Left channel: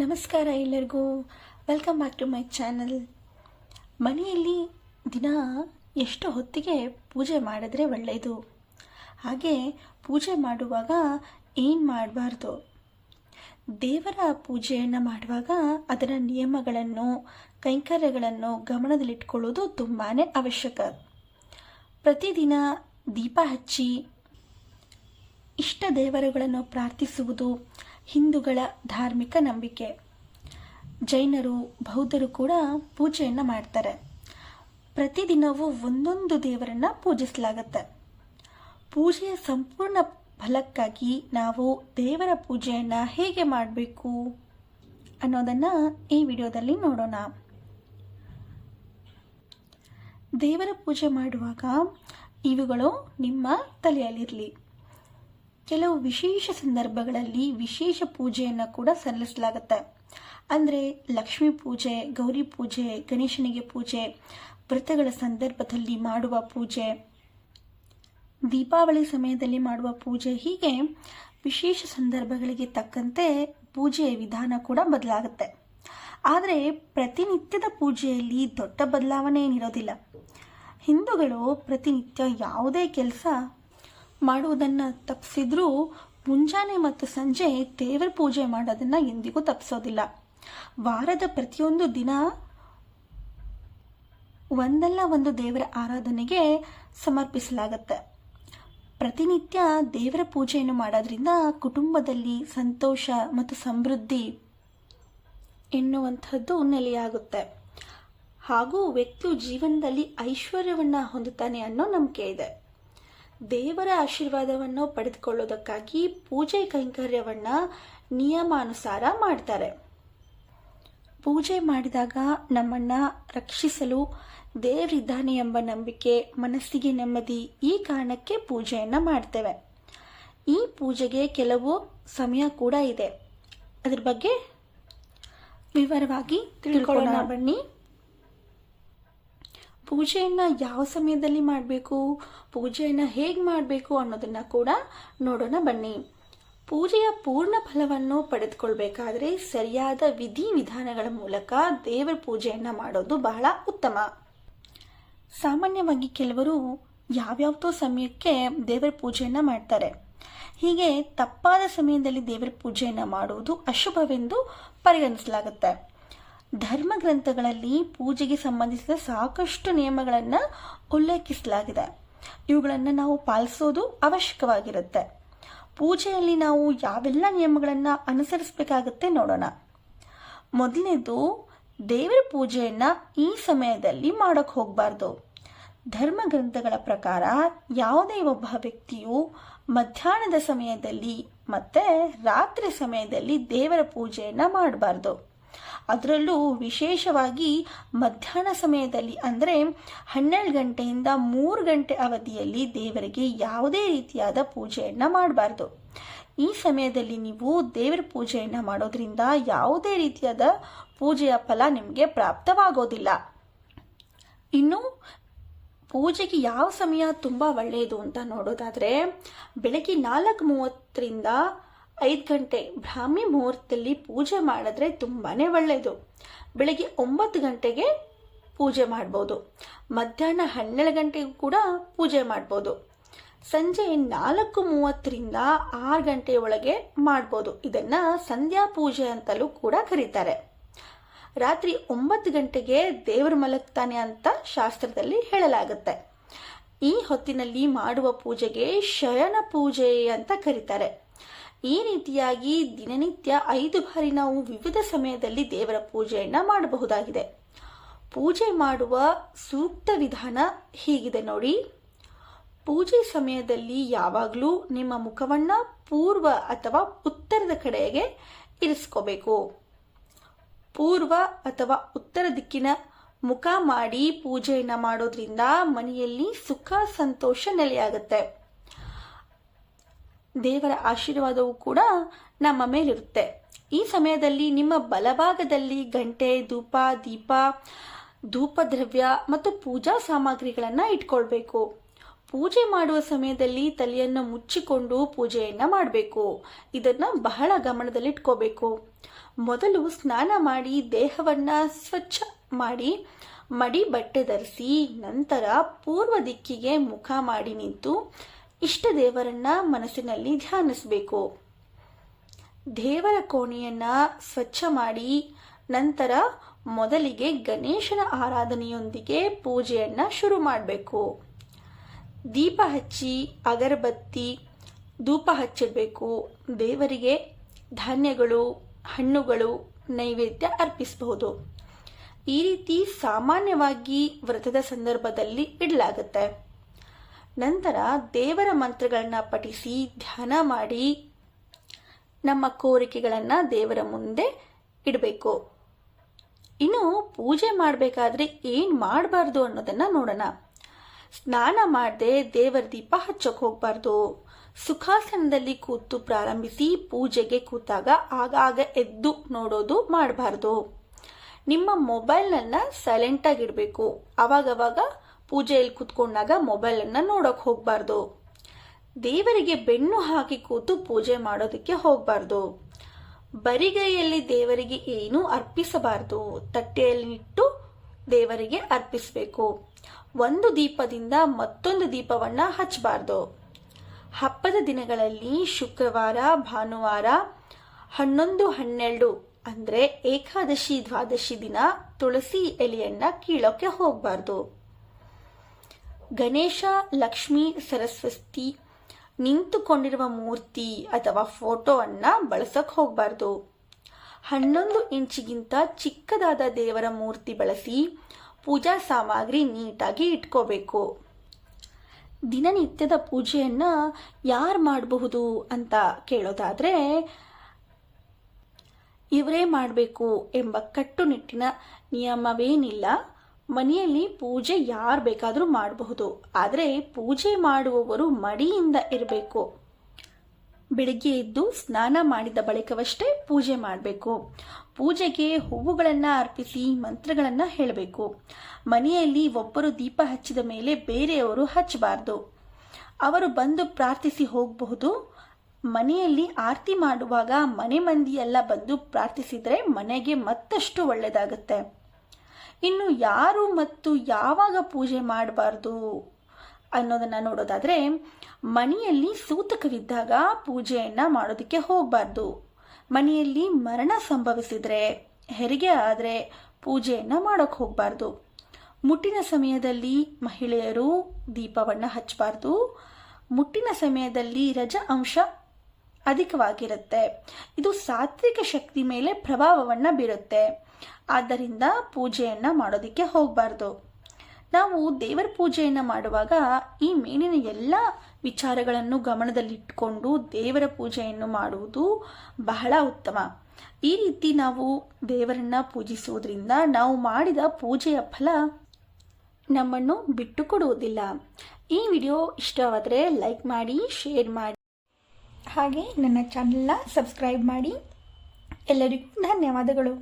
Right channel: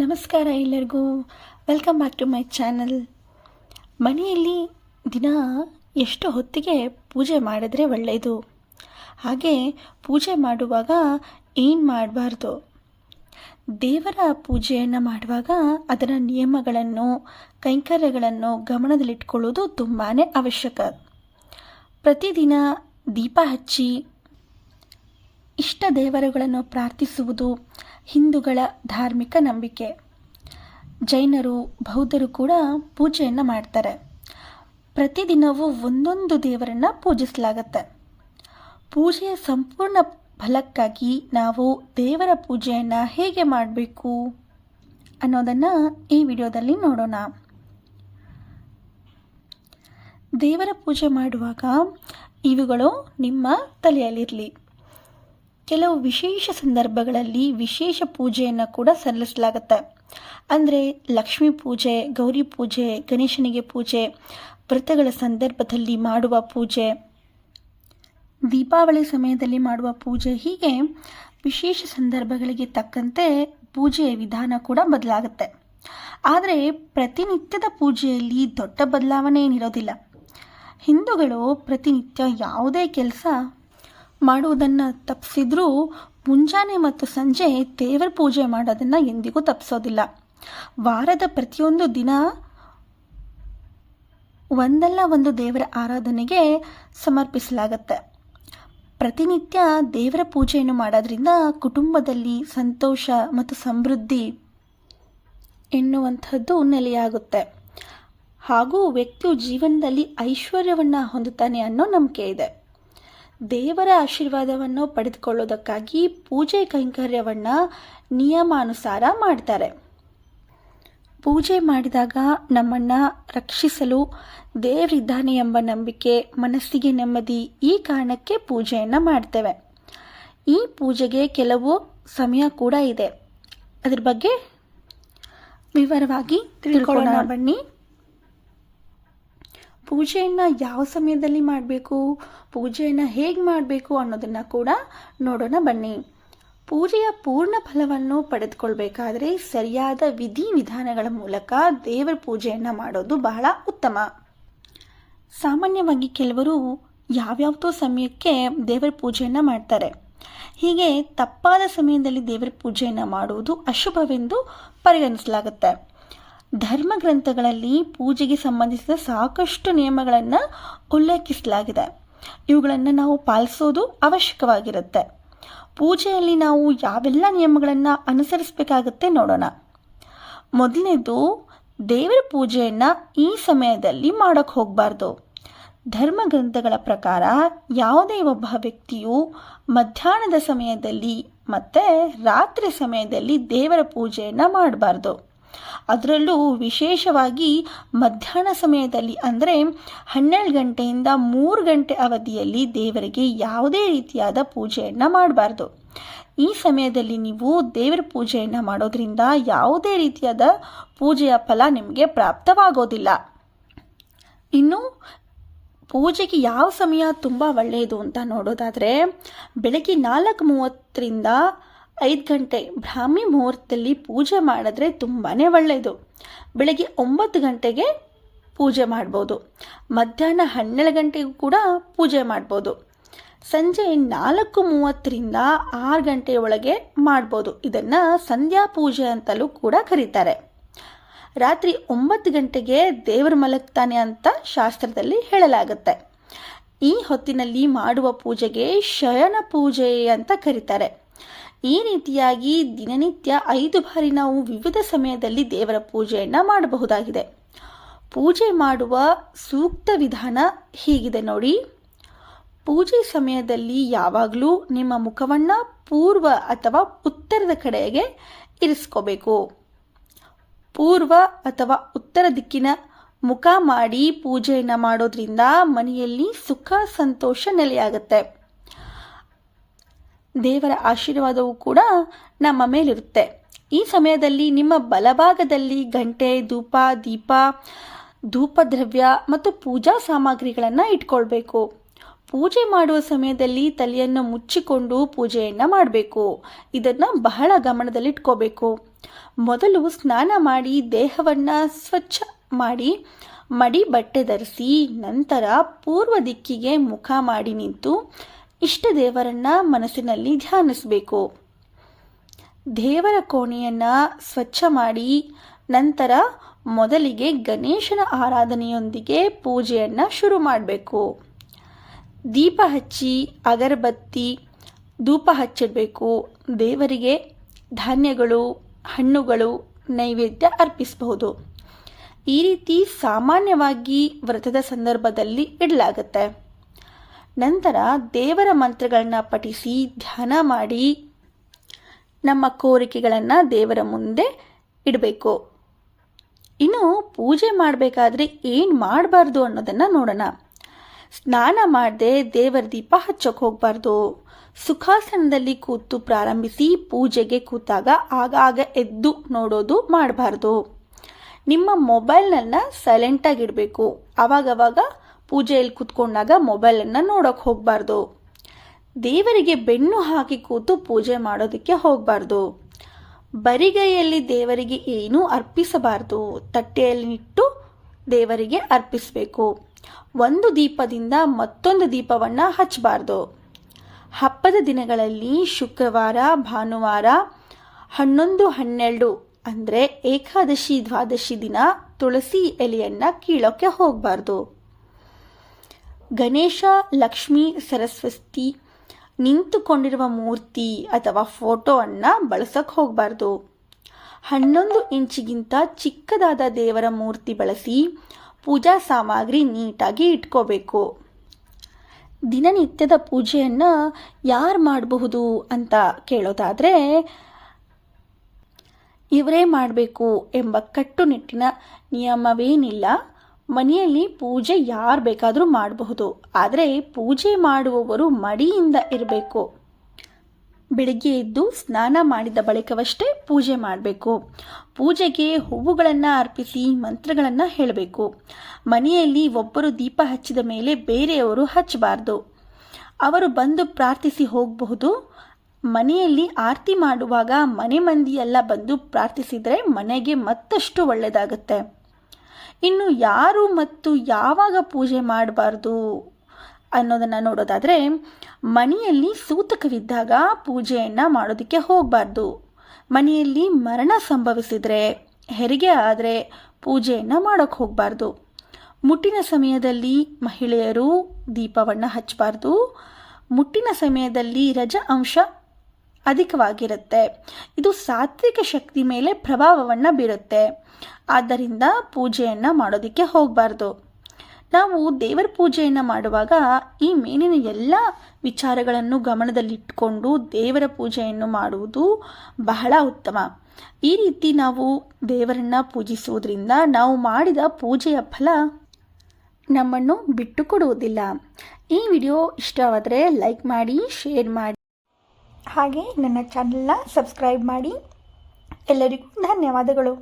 ನಮಸ್ಕಾರ ಎಲ್ಲರಿಗೂ. Welcome back to my channel. ಮನೆಯಲ್ಲಿ ದಿನ ಎಷ್ಟು ಹೊತ್ತಿಗೆ ಪೂಜೆ ಮಾಡಿದ್ರೆ ಒಳ್ಳೆಯದು, ಹಾಗೆ ಪೂಜೆ ಮಾಡುವಾಗ ಏನು ಮಾಡಬಾರ್ದು, ದೇವರ ಪೂಜೆಯನ್ನು ಮಾಡುವಾಗ ಅದರ ನಿಯಮಗಳನ್ನು ಕೈಂಕರ್ಯಗಳನ್ನು ಗಮನದಲ್ಲಿಟ್ಕೊಳ್ಳೋದು ತುಂಬಾ ಅವಶ್ಯಕ. ಪ್ರತಿದಿನ ದೀಪ ಹಚ್ಚಿ ಇಷ್ಟ ದೇವರುಗಳನ್ನು ಪ್ರಾರ್ಥಿಸುವುದು ಹಿಂದೂಗಳ ಧಾರ್ಮಿಕ ನಂಬಿಕೆ. ಜೈನರು, ಬೌದ್ಧರು ಕೂಡ ಪೂಜೆಯನ್ನು ಮಾಡ್ತಾರೆ. ಪ್ರತಿದಿನವೂ ಒಂದೊಂದು ದೇವರನ್ನು ಪೂಜಿಸಲಾಗತ್ತೆ. ಪೂಜೆಯ ಸಂಪೂರ್ಣ ಫಲಕ್ಕಾಗಿ ನಾವು ದೇವರ ಪೂಜೆಯನ್ನು ಹೇಗೆ ಮಾಡಬೇಕು ಅನ್ನೋದನ್ನು ಈ ವಿಡಿಯೋದಲ್ಲಿ ನೋಡೋಣ. ದೇವರ ಪೂಜೆ ಮಾಡುವಾಗ ಇವುಗಳು ನಿಮ್ಮ ತಲೆಯಲ್ಲಿರಲಿ. ಕೆಲವು ವಿಶೇಷ ಸಂದರ್ಭಗಳಲ್ಲಿ ವಿಶೇಷ ಪೂಜೆಯನ್ನು ಕೂಡ ಸಲ್ಲಿಸಲಾಗುತ್ತೆ. ಅಂದರೆ ಲಕ್ಷ್ಮೀ ಪೂಜೆ, ಗೌರಿ ಪೂಜೆ, ಗಣೇಶನಿಗೆ ಪೂಜೆ, ವ್ರತಗಳ ಸಂದರ್ಭದಲ್ಲಿ ಮಾಡುವ ಪೂಜೆ, ದೀಪಾವಳಿ ಸಮಯದಲ್ಲಿ ಮಾಡುವ ಪೂಜೆ, ಹೀಗೆ ವಿಶೇಷ ಸಂದರ್ಭಗಳಿಗೆ ತಕ್ಕಂತೆ ಪೂಜೆಯ ವಿಧಾನ ಕೂಡ ಬದಲಾಗುತ್ತೆ. ಆದರೆ ಪ್ರತಿನಿತ್ಯದ ಪೂಜೆಯಲ್ಲಿ ದೊಡ್ಡ ಬದಲಾವಣೆ ಏನಿರೋದಿಲ್ಲ. ಹಿಂದೂಗಳು ಪ್ರತಿನಿತ್ಯ ಯಾವುದೇ ಕೆಲಸ ಮಾಡುವುದನ್ನು ತಪ್ಪಿಸಿದ್ರೂ ಮುಂಜಾನೆ ಮತ್ತು ಸಂಜೆ ದೇವರ ಪೂಜೆ ಮಾಡೋದನ್ನು ಎಂದಿಗೂ ತಪ್ಪಿಸೋದಿಲ್ಲ. ವಾರದ ಪ್ರತಿಯೊಂದು ದಿನ ಒಂದಲ್ಲ ಒಂದು ದೇವರ ಆರಾಧನೆಗೆ ಸಮರ್ಪಿಸಲಾಗತ್ತೆ. ಪ್ರತಿನಿತ್ಯ ದೇವರ ಪೂಜೆಯನ್ನು ಮಾಡೋದ್ರಿಂದ ಕುಟುಂಬದಲ್ಲಿ ಸಂತೋಷ ಮತ್ತು ಸಮೃದ್ಧಿ ಎನ್ನುವಂಥದ್ದು ನೆಲೆಯಾಗುತ್ತೆ. ಹಾಗೂ ವ್ಯಕ್ತಿಯು ಜೀವನದಲ್ಲಿ ಐಶ್ವರ್ಯವನ್ನು ಹೊಂದುತ್ತಾನೆ ಅನ್ನೋ ನಂಬಿಕೆ ಇದೆ. ದೇವರ ಆಶೀರ್ವಾದವನ್ನು ಪಡೆದುಕೊಳ್ಳೋದಕ್ಕಾಗಿ ಪೂಜೆ ಕೈಂಕರ್ಯವನ್ನು ನಿಯಮಾನುಸಾರ ಮಾಡ್ತಾರೆ. ಪೂಜೆ ಮಾಡಿದಾಗ ನಮ್ಮನ್ನು ರಕ್ಷಿಸಲು ದೇವರಿದ್ದಾನೆ ಎಂಬ ನಂಬಿಕೆ, ಮನಸ್ಸಿಗೆ ನೆಮ್ಮದಿ, ಈ ಕಾರಣಕ್ಕೆ ಪೂಜೆಯನ್ನು ಮಾಡ್ತೇವೆ. ಈ ಪೂಜೆಗೆ ಕೆಲವು ಸಮಯ ಕೂಡ ಇದೆ. ಅದ್ರ ಬಗ್ಗೆ ವಿವರವಾಗಿ ತಿಳ್ಕೊಳ್ಳೋಣ ಬನ್ನಿ. ಪೂಜೆಯನ್ನು ಯಾವ ಸಮಯದಲ್ಲಿ ಮಾಡಬೇಕು, ಪೂಜೆಯನ್ನು ಹೇಗೆ ಮಾಡಬೇಕು ಅನ್ನೋದನ್ನು ಕೂಡ ನೋಡೋಣ ಬನ್ನಿ. ಪೂಜೆಯ ಪೂರ್ಣ ಫಲವನ್ನು ಪಡೆದುಕೊಳ್ಬೇಕಾದ್ರೆ ಸರಿಯಾದ ವಿಧಿವಿಧಾನಗಳ ಮೂಲಕ ದೇವರ ಪೂಜೆಯನ್ನು ಮಾಡೋದು ಬಹಳ ಉತ್ತಮ. ಸಾಮಾನ್ಯವಾಗಿ ಕೆಲವರು ಯಾವ್ಯಾವುದೋ ಸಮಯಕ್ಕೆ ದೇವರ ಪೂಜೆಯನ್ನು ಮಾಡ್ತಾರೆ. ಹೀಗೆ ತಪ್ಪಾದ ಸಮಯದಲ್ಲಿ ದೇವರ ಪೂಜೆಯನ್ನು ಮಾಡುವುದು ಅಶುಭವೆಂದು ಪರಿಗಣಿಸಲಾಗುತ್ತೆ. ಧರ್ಮ ಗ್ರಂಥಗಳಲ್ಲಿ ಪೂಜೆಗೆ ಸಂಬಂಧಿಸಿದ ಸಾಕಷ್ಟು ನಿಯಮಗಳನ್ನು ಉಲ್ಲೇಖಿಸಲಾಗಿದೆ. ಇವುಗಳನ್ನು ನಾವು ಪಾಲಿಸೋದು ಅವಶ್ಯಕವಾಗಿರುತ್ತೆ. ಪೂಜೆಯಲ್ಲಿ ನಾವು ಯಾವೆಲ್ಲ ನಿಯಮಗಳನ್ನು ಅನುಸರಿಸಬೇಕಾಗುತ್ತೆ ನೋಡೋಣ. ಮೊದಲನೇದು, ದೇವರ ಪೂಜೆಯನ್ನು ಈ ಸಮಯದಲ್ಲಿ ಮಾಡೋಕ್ಕೆ ಹೋಗಬಾರ್ದು. ಧರ್ಮ ಗ್ರಂಥಗಳ ಪ್ರಕಾರ ಯಾವುದೇ ಒಬ್ಬ ವ್ಯಕ್ತಿಯು ಮಧ್ಯಾಹ್ನದ ಸಮಯದಲ್ಲಿ ಮತ್ತು ರಾತ್ರಿ ಸಮಯದಲ್ಲಿ ದೇವರ ಪೂಜೆಯನ್ನು ಮಾಡಬಾರ್ದು. ಅದರಲ್ಲೂ ವಿಶೇಷವಾಗಿ ಮಧ್ಯಾಹ್ನ ಸಮಯದಲ್ಲಿ, ಅಂದರೆ 12 ಗಂಟೆಯಿಂದ 3 ಗಂಟೆ ಅವಧಿಯಲ್ಲಿ ದೇವರಿಗೆ ಯಾವುದೇ ರೀತಿಯಾದ ಪೂಜೆಯನ್ನು ಮಾಡಬಾರ್ದು. ಈ ಸಮಯದಲ್ಲಿ ನೀವು ದೇವರ ಪೂಜೆಯನ್ನು ಮಾಡೋದ್ರಿಂದ ಯಾವುದೇ ರೀತಿಯಾದ ಪೂಜೆಯ ಫಲ ನಿಮಗೆ ಪ್ರಾಪ್ತವಾಗೋದಿಲ್ಲ. ಇನ್ನು ಪೂಜೆಗೆ ಯಾವ ಸಮಯ ತುಂಬ ಒಳ್ಳೆಯದು ಅಂತ ನೋಡೋದಾದರೆ, ಬೆಳಗ್ಗೆ 4:30ರಿಂದ 5 ಗಂಟೆ ಬ್ರಾಹ್ಮಿ ಮುಹೂರ್ತದಲ್ಲಿ ಪೂಜೆ ಮಾಡಿದ್ರೆ ತುಂಬಾ ಒಳ್ಳೆಯದು. ಬೆಳಗ್ಗೆ 9 ಗಂಟೆಗೆ ಪೂಜೆ ಮಾಡ್ಬೋದು. ಮಧ್ಯಾಹ್ನ 12 ಗಂಟೆಗೂ ಕೂಡ ಪೂಜೆ ಮಾಡ್ಬೋದು. ಸಂಜೆ 4:30ರಿಂದ 6 ಗಂಟೆಯ ಒಳಗೆ ಮಾಡ್ಬೋದು. ಇದನ್ನು ಸಂಧ್ಯಾ ಪೂಜೆ ಅಂತಲೂ ಕೂಡ ಕರೀತಾರೆ. ರಾತ್ರಿ 9 ಗಂಟೆಗೆ ದೇವರು ಮಲಗ್ತಾನೆ ಅಂತ ಶಾಸ್ತ್ರದಲ್ಲಿ ಹೇಳಲಾಗುತ್ತೆ. ಈ ಹೊತ್ತಿನಲ್ಲಿ ಮಾಡುವ ಪೂಜೆಗೆ ಶಯನ ಪೂಜೆ ಅಂತ ಕರೀತಾರೆ. ಈ ರೀತಿಯಾಗಿ ದಿನನಿತ್ಯ 5 ಬಾರಿ ನಾವು ವಿವಿಧ ಸಮಯದಲ್ಲಿ ದೇವರ ಪೂಜೆಯನ್ನು ಮಾಡಬಹುದಾಗಿದೆ. ಪೂಜೆ ಮಾಡುವ ಸೂಕ್ತ ವಿಧಾನ ಹೀಗಿದೆ ನೋಡಿ. ಪೂಜೆ ಸಮಯದಲ್ಲಿ ಯಾವಾಗಲೂ ನಿಮ್ಮ ಮುಖವನ್ನು ಪೂರ್ವ ಅಥವಾ ಉತ್ತರದ ಕಡೆಗೆ ಇರಿಸ್ಕೋಬೇಕು. ಪೂರ್ವ ಅಥವಾ ಉತ್ತರ ದಿಕ್ಕಿನ ಮುಖ ಮಾಡಿ ಪೂಜೆಯನ್ನು ಮಾಡೋದ್ರಿಂದ ಮನೆಯಲ್ಲಿ ಸುಖ ಸಂತೋಷ ನೆಲೆಯಾಗುತ್ತೆ. ದೇವರ ಆಶೀರ್ವಾದವೂ ಕೂಡ ನಮ್ಮ ಮೇಲಿರುತ್ತೆ. ಈ ಸಮಯದಲ್ಲಿ ನಿಮ್ಮ ಬಲಭಾಗದಲ್ಲಿ ಗಂಟೆ, ಧೂಪ, ದೀಪ, ಧೂಪದ್ರವ್ಯ ಮತ್ತು ಪೂಜಾ ಸಾಮಗ್ರಿಗಳನ್ನು ಇಟ್ಕೊಳ್ಬೇಕು. ಪೂಜೆ ಮಾಡುವ ಸಮಯದಲ್ಲಿ ತಲೆಯನ್ನು ಮುಚ್ಚಿಕೊಂಡು ಪೂಜೆಯನ್ನು ಮಾಡಬೇಕು. ಇದನ್ನು ಬಹಳ ಗಮನದಲ್ಲಿಟ್ಕೋಬೇಕು. ಮೊದಲು ಸ್ನಾನ ಮಾಡಿ ದೇಹವನ್ನು ಸ್ವಚ್ಛ ಮಾಡಿ ಮಡಿ ಬಟ್ಟೆ ಧರಿಸಿ ನಂತರ ಪೂರ್ವ ದಿಕ್ಕಿಗೆ ಮುಖ ಮಾಡಿ ನಿಂತು ಇಷ್ಟ ದೇವರನ್ನ ಮನಸ್ಸಿನಲ್ಲಿ ಧ್ಯಾನಿಸಬೇಕು. ದೇವರ ಕೋಣೆಯನ್ನು ಸ್ವಚ್ಛ ಮಾಡಿ ನಂತರ ಮೊದಲಿಗೆ ಗಣೇಶನ ಆರಾಧನೆಯೊಂದಿಗೆ ಪೂಜೆಯನ್ನು ಶುರು ಮಾಡಬೇಕು. ದೀಪ ಹಚ್ಚಿ ಅಗರಬತ್ತಿ ಧೂಪ ಹಚ್ಚಬೇಕು. ದೇವರಿಗೆ ಧಾನ್ಯಗಳು ಹಣ್ಣುಗಳು ನೈವೇದ್ಯ ಅರ್ಪಿಸಬಹುದು. ಈ ರೀತಿ ಸಾಮಾನ್ಯವಾಗಿ ವ್ರತದ ಸಂದರ್ಭದಲ್ಲಿ ಇಡಲಾಗುತ್ತೆ. ನಂತರ ದೇವರ ಮಂತ್ರಗಳನ್ನ ಪಠಿಸಿ ಧ್ಯಾನ ಮಾಡಿ ನಮ್ಮ ಕೋರಿಕೆಗಳನ್ನು ದೇವರ ಮುಂದೆ ಇಡಬೇಕು. ಇನ್ನು ಪೂಜೆ ಮಾಡಬೇಕಾದ್ರೆ ಏನು ಮಾಡಬಾರ್ದು ಅನ್ನೋದನ್ನು ನೋಡೋಣ. ಸ್ನಾನ ಮಾಡದೆ ದೇವರ ದೀಪ ಹಚ್ಚೋಕೆ ಹೋಗಬಾರ್ದು. ಸುಖಾಸನದಲ್ಲಿ ಕೂತು ಪ್ರಾರಂಭಿಸಿ ಪೂಜೆಗೆ ಕೂತಾಗ ಆಗಾಗ ಎದ್ದು ನೋಡೋದು ಮಾಡಬಾರ್ದು. ನಿಮ್ಮ ಮೊಬೈಲ್ನನ್ನು ಸೈಲೆಂಟಾಗಿಡಬೇಕು. ಆವಾಗವಾಗ ಪೂಜೆಯಲ್ಲಿ ಕೂತ್ಕೊಂಡಾಗ ಮೊಬೈಲನ್ನು ನೋಡೋಕೆ ಹೋಗಬಾರ್ದು. ದೇವರಿಗೆ ಬೆನ್ನು ಹಾಕಿ ಕೂತು ಪೂಜೆ ಮಾಡೋದಕ್ಕೆ ಹೋಗಬಾರ್ದು. ಬರಿಗೈಯಲ್ಲಿ ದೇವರಿಗೆ ಏನೂ ಅರ್ಪಿಸಬಾರ್ದು. ತಟ್ಟೆಯಲ್ಲಿ ಇಟ್ಟು ದೇವರಿಗೆ ಅರ್ಪಿಸಬೇಕು. ಒಂದು ದೀಪದಿಂದ ಮತ್ತೊಂದು ದೀಪವನ್ನು ಹಚ್ಚಬಾರ್ದು. ಹಬ್ಬದ ದಿನಗಳಲ್ಲಿ ಶುಕ್ರವಾರ ಭಾನುವಾರ 11, 12 ಅಂದರೆ ಏಕಾದಶಿ ದ್ವಾದಶಿ ದಿನ ತುಳಸಿ ಎಲೆಯನ್ನು ಕೀಳೋಕ್ಕೆ ಹೋಗಬಾರ್ದು. ಗಣೇಶ ಲಕ್ಷ್ಮೀ ಸರಸ್ವತಿ ನಿಂತುಕೊಂಡಿರುವ ಮೂರ್ತಿ ಅಥವಾ ಫೋಟೋವನ್ನು ಬಳಸೋಕೆ ಹೋಗಬಾರ್ದು. 11 ಇಂಚಿಗಿಂತ ಚಿಕ್ಕದಾದ ದೇವರ ಮೂರ್ತಿ ಬಳಸಿ ಪೂಜಾ ಸಾಮಗ್ರಿ ನೀಟಾಗಿ ಇಟ್ಕೋಬೇಕು. ದಿನನಿತ್ಯದ ಪೂಜೆಯನ್ನು ಯಾರು ಮಾಡಬಹುದು ಅಂತ ಕೇಳೋದಾದರೆ ಇವರೇ ಮಾಡಬೇಕು ಎಂಬ ಕಟ್ಟುನಿಟ್ಟಿನ ನಿಯಮವೇನಿಲ್ಲ. ಮನೆಯಲ್ಲಿ ಪೂಜೆ ಯಾರು ಬೇಕಾದರೂ ಮಾಡಬಹುದು. ಆದರೆ ಪೂಜೆ ಮಾಡುವವರು ಮಡಿಯಿಂದ ಇರಬೇಕು. ಬೆಳಗ್ಗೆ ಎದ್ದು ಸ್ನಾನ ಮಾಡಿದ ಬಳಿಕವಷ್ಟೇ ಪೂಜೆ ಮಾಡಬೇಕು. ಪೂಜೆಗೆ ಹೂವುಗಳನ್ನು ಅರ್ಪಿಸಿ ಮಂತ್ರಗಳನ್ನು ಹೇಳಬೇಕು. ಮನೆಯಲ್ಲಿ ಒಬ್ಬರು ದೀಪ ಹಚ್ಚಿದ ಮೇಲೆ ಬೇರೆಯವರು ಹಚ್ಚಬಾರ್ದು. ಅವರು ಬಂದು ಪ್ರಾರ್ಥಿಸಿ ಹೋಗಬಹುದು. ಮನೆಯಲ್ಲಿ ಆರತಿ ಮಾಡುವಾಗ ಮನೆ ಮಂದಿಯೆಲ್ಲ ಬಂದು ಪ್ರಾರ್ಥಿಸಿದರೆ ಮನೆಗೆ ಮತ್ತಷ್ಟು ಒಳ್ಳೆಯದಾಗುತ್ತೆ. ಇನ್ನು ಯಾರು ಮತ್ತು ಯಾವಾಗ ಪೂಜೆ ಮಾಡಬಾರ್ದು ಅನ್ನೋದನ್ನು ನೋಡೋದಾದರೆ ಮನೆಯಲ್ಲಿ ಸೂತಕವಿದ್ದಾಗ ಪೂಜೆಯನ್ನು ಮಾಡೋದಕ್ಕೆ ಹೋಗಬಾರ್ದು. ಮನೆಯಲ್ಲಿ ಮರಣ ಸಂಭವಿಸಿದರೆ ಹೆರಿಗೆ ಆದರೆ ಪೂಜೆಯನ್ನು ಮಾಡೋಕ್ಕೆ ಹೋಗಬಾರ್ದು. ಮುಟ್ಟಿನ ಸಮಯದಲ್ಲಿ ಮಹಿಳೆಯರು ದೀಪವನ್ನು ಹಚ್ಚಬಾರ್ದು. ಮುಟ್ಟಿನ ಸಮಯದಲ್ಲಿ ರಜ ಅಂಶ ಅಧಿಕವಾಗಿರುತ್ತೆ. ಇದು ಸಾತ್ವಿಕ ಶಕ್ತಿ ಮೇಲೆ ಪ್ರಭಾವವನ್ನು ಬೀರುತ್ತೆ. ಆದ್ದರಿಂದ ಪೂಜೆಯನ್ನು ಮಾಡೋದಕ್ಕೆ ಹೋಗಬಾರ್ದು. ನಾವು ದೇವರ ಪೂಜೆಯನ್ನು ಮಾಡುವಾಗ ಈ ಮೇಲಿನ ಎಲ್ಲ ವಿಚಾರಗಳನ್ನು ಗಮನದಲ್ಲಿಟ್ಟುಕೊಂಡು ದೇವರ ಪೂಜೆಯನ್ನು ಮಾಡುವುದು ಬಹಳ ಉತ್ತಮ. ಈ ರೀತಿ ನಾವು ದೇವರನ್ನು ಪೂಜಿಸುವುದರಿಂದ ನಾವು ಮಾಡಿದ ಪೂಜೆಯ ಫಲ ನಮ್ಮನ್ನು ಬಿಟ್ಟು ಕೊಡುವುದಿಲ್ಲ. ಈ ವಿಡಿಯೋ ಇಷ್ಟವಾದರೆ ಲೈಕ್ ಮಾಡಿ, ಶೇರ್ ಮಾಡಿ, ಹಾಗೆ ನನ್ನ ಚಾನೆಲ್ನ ಸಬ್ಸ್ಕ್ರೈಬ್ ಮಾಡಿ. ಎಲ್ಲರಿಗೂ ಧನ್ಯವಾದಗಳು.